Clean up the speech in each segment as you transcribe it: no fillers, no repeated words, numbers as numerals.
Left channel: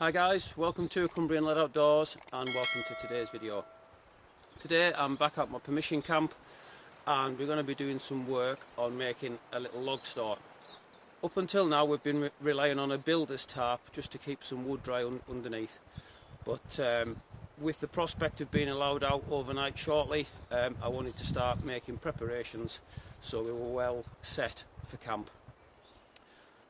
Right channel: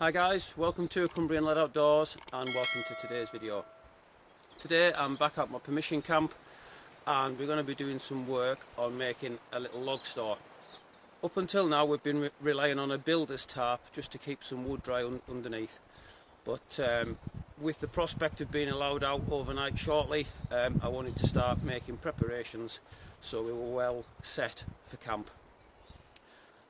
Hi guys, welcome to Cumbrian Led Outdoors and welcome to today's video. Today I'm back at my permission camp and we're going to be doing some work on making a little log store. Up until now we've been relying on a builder's tarp just to keep some wood dry underneath, but with the prospect of being allowed out overnight shortly, I wanted to start making preparations so we were well set for camp.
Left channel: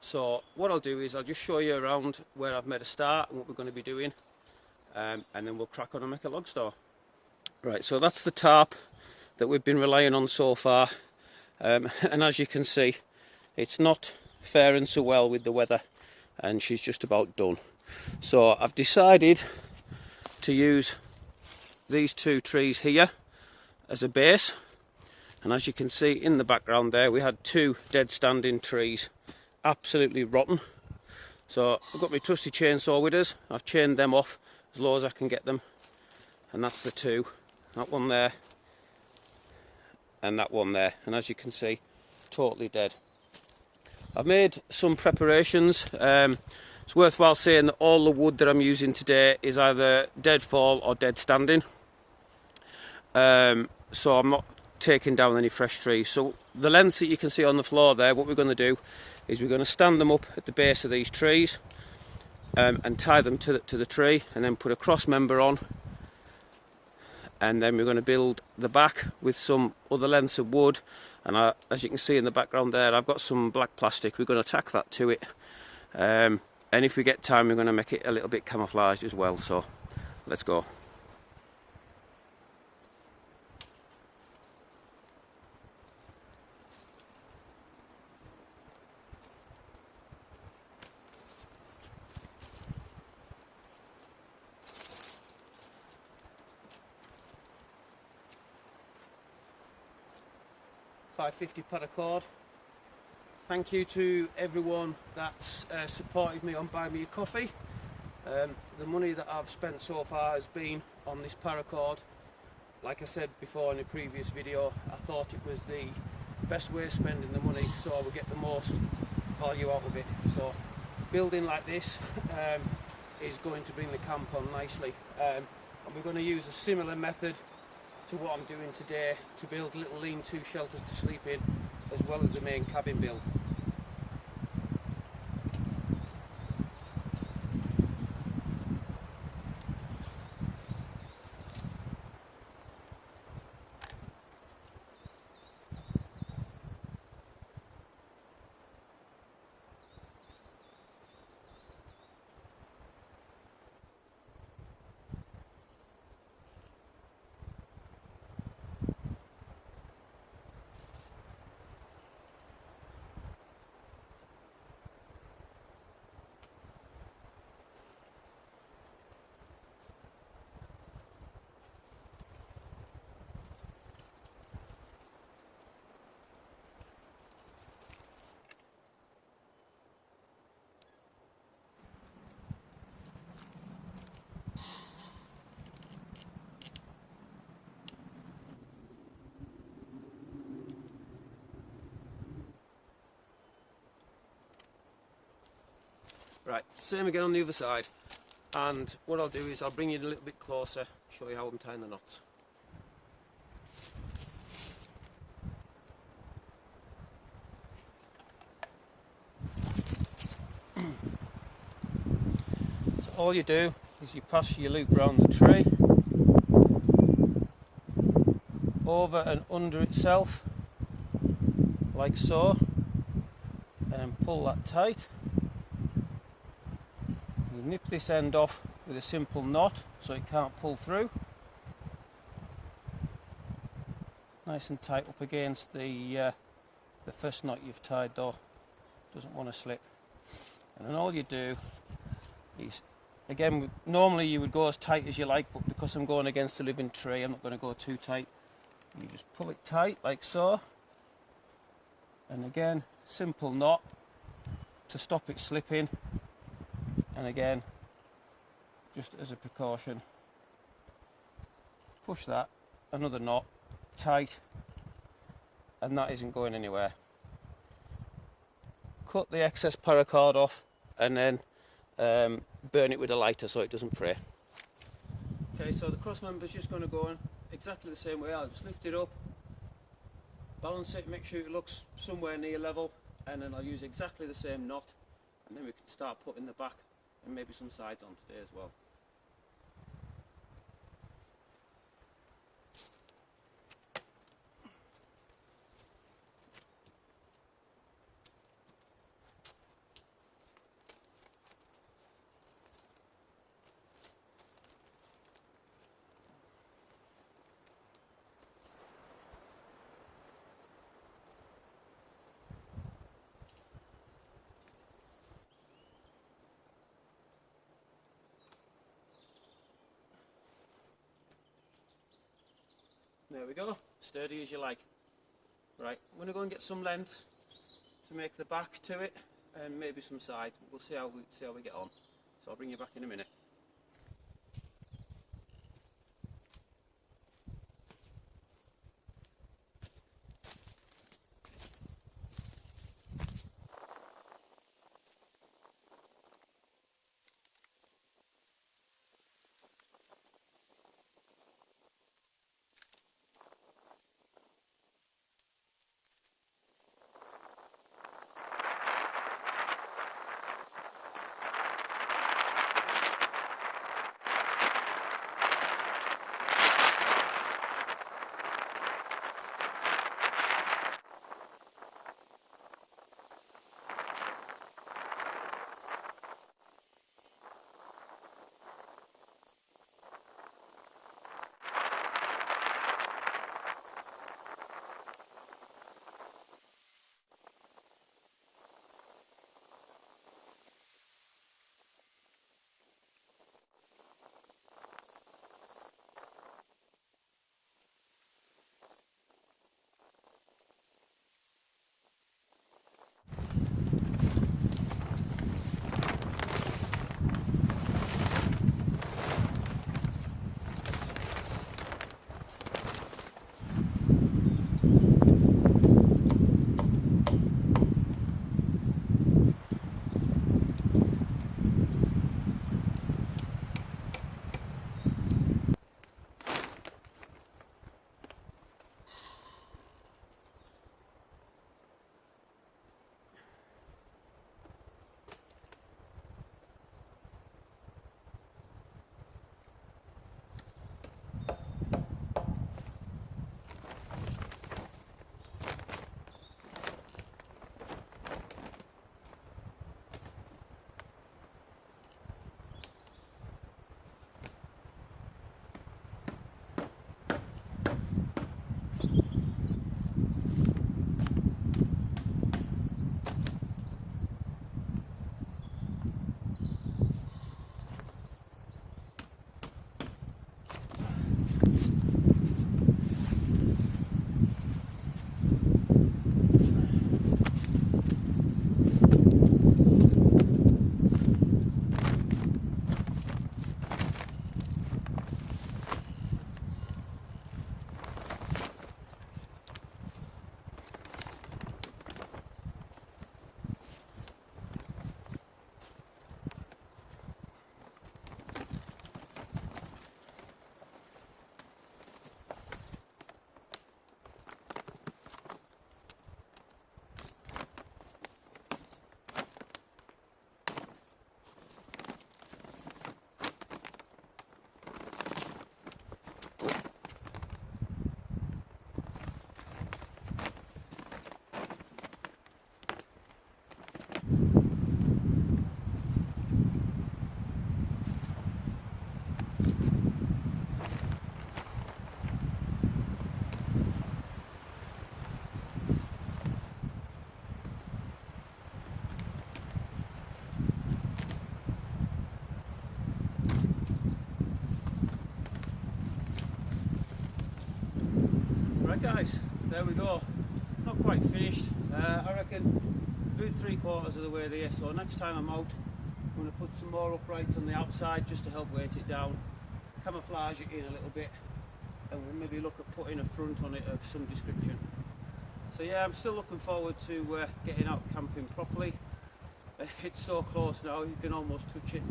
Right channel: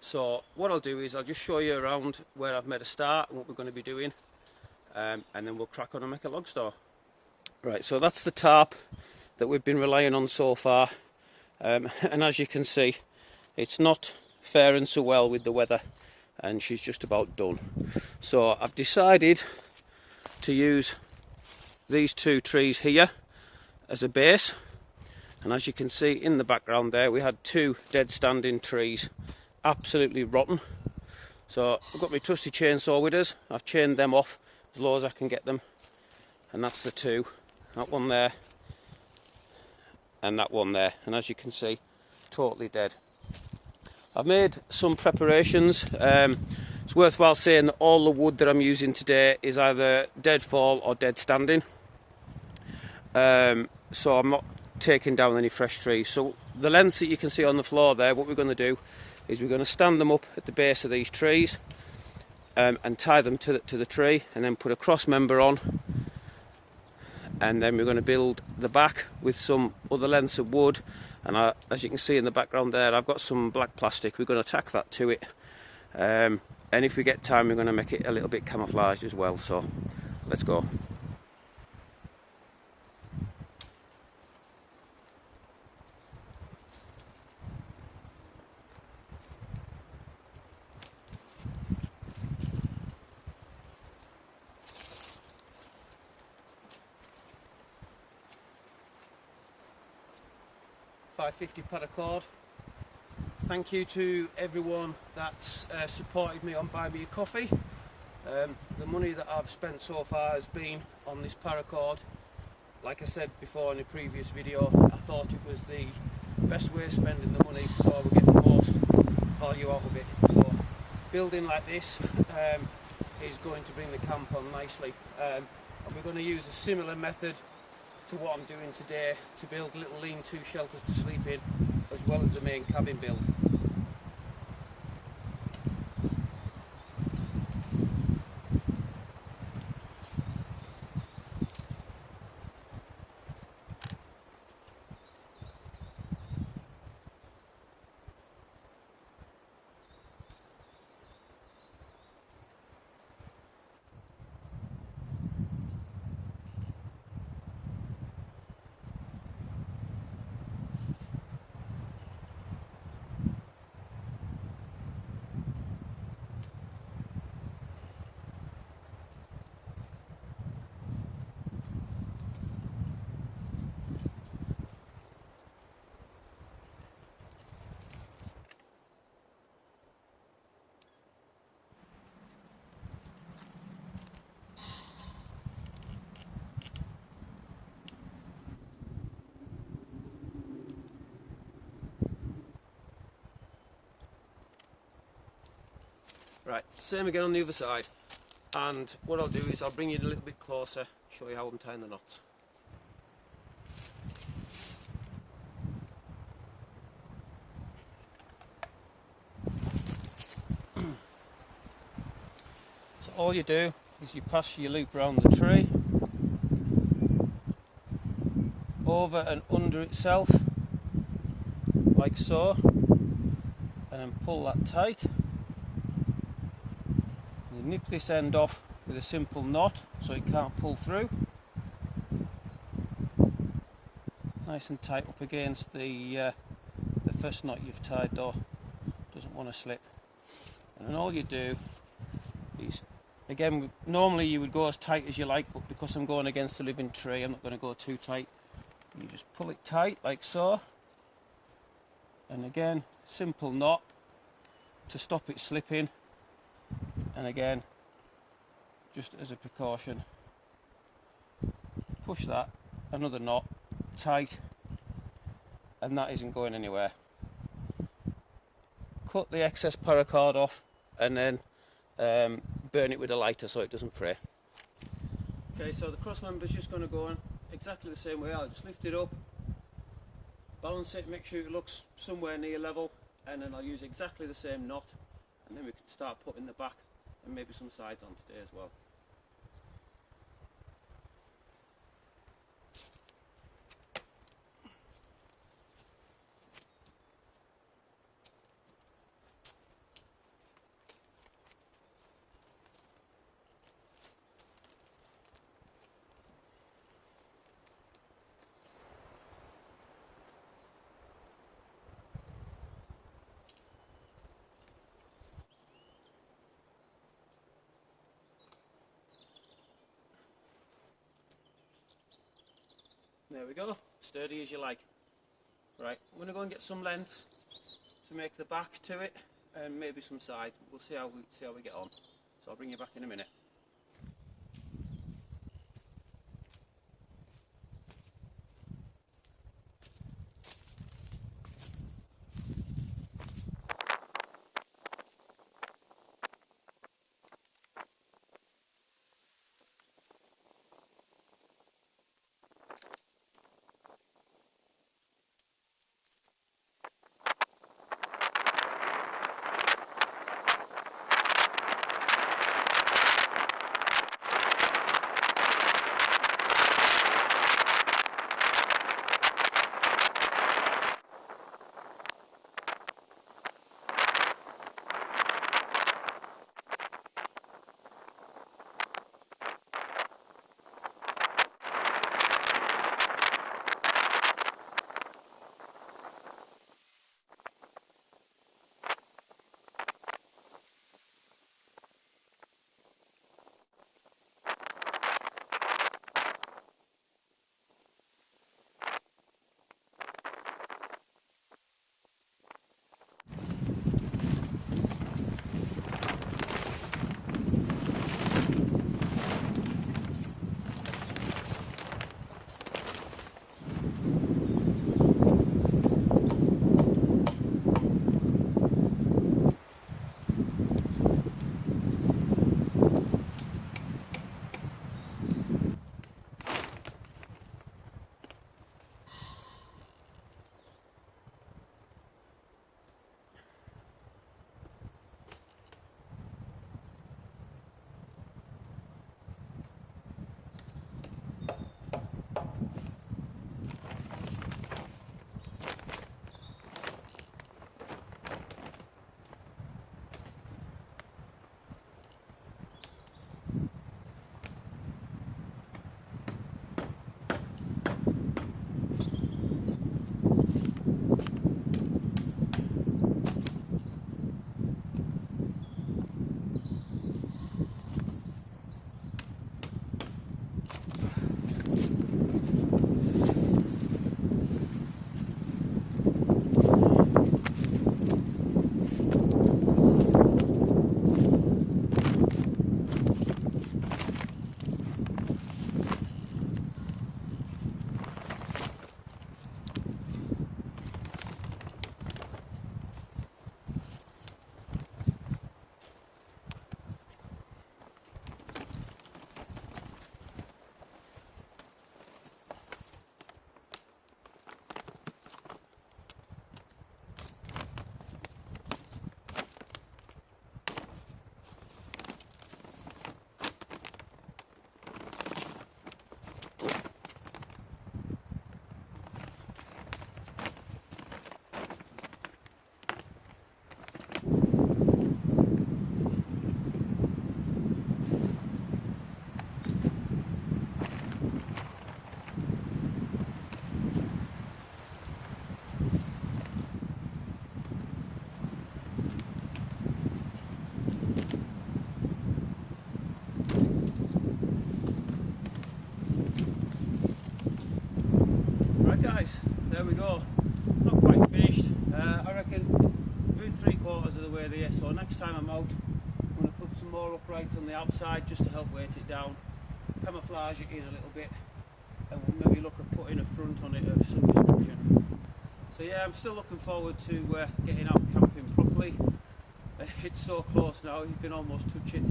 So what I'll do is I'll just show you around where I've made a start and what we're going to be doing, and then we'll crack on and make a log store. Right, so that's the tarp that we've been relying on so far, and as you can see it's not faring so well with the weather and she's just about done. So I've decided to use these two trees here as a base, and as you can see in the background there we had two dead standing trees, absolutely rotten. So I've got my trusty chainsaw with us. I've chained them off as low as I can get them, and that's the two, that one there and that one there, and as you can see totally dead. I've made some preparations. It's worthwhile saying that all the wood that I'm using today is either dead fall or dead standing, so I'm not taking down any fresh trees. So the lengths that you can see on the floor there, what we're going to do is we're going to stand them up at the base of these trees and tie them to the tree, and then put a cross member on, and then we're going to build the back with some other lengths of wood. And as you can see in the background there, I've got some black plastic. We're going to tack that to it, and if we get time we're going to make it a little bit camouflaged as well. So let's go. $5.50 paracord. Thank you to everyone that's supported me on Buy Me a Coffee. The money that I've spent so far has been on this paracord. Like I said before in a previous video, I thought it was the best way of spending the money so I would get the most value out of it. So building like this is going to bring the camp on nicely, and we're going to use a similar method to what I'm doing today to build little lean-to shelters to sleep in, as well as the main cabin build. Right, same again on the other side, and what I'll do is I'll bring you a little bit closer, show you how I'm tying the knots. So all you do is you pass your loop around the tree, over and under itself, like so, and then pull that tight. You nip this end off with a simple knot so it can't pull through. Nice and tight up against the first knot you've tied though, doesn't want to slip. And then all you do is, again, normally you would go as tight as you like, but because I'm going against the living tree I'm not going to go too tight. You just pull it tight like so, and again simple knot to stop it slipping, and again just as a precaution push that, another knot tight, and that isn't going anywhere. Cut the excess paracord off and then burn it with a lighter so it doesn't fray. Okay, so the cross member is just going to go in exactly the same way. I'll just lift it up, balance it, make sure it looks somewhere near level, and then I'll use exactly the same knot, and then we can start putting the back and maybe some sides on today as well. There we go, sturdy as you like. Right, I'm going to go and get some length to make the back to it, and maybe some sides. We'll see how we get on. So I'll bring you back in a minute. Right guys, there we go. Not quite finished. I reckon about 3/4 of the way there, so next time I'm out I'm going to put some more uprights on the outside just to help weight it down, camouflage it in a little bit, and we'll maybe look at putting a front on it of some description. So yeah, I'm still looking forward to getting out camping properly. It's so close now, you can almost touch it.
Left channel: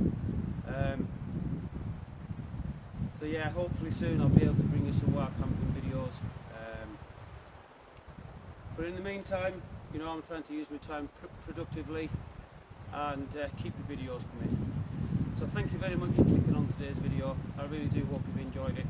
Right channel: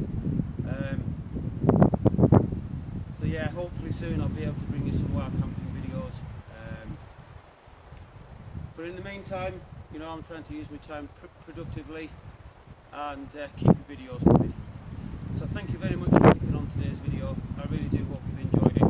So yeah, hopefully soon I'll be able to bring you some wild camping videos. But in the meantime, you know, I'm trying to use my time productively and keep the videos coming. So thank you very much for clicking on today's video. I really do hope you've enjoyed it.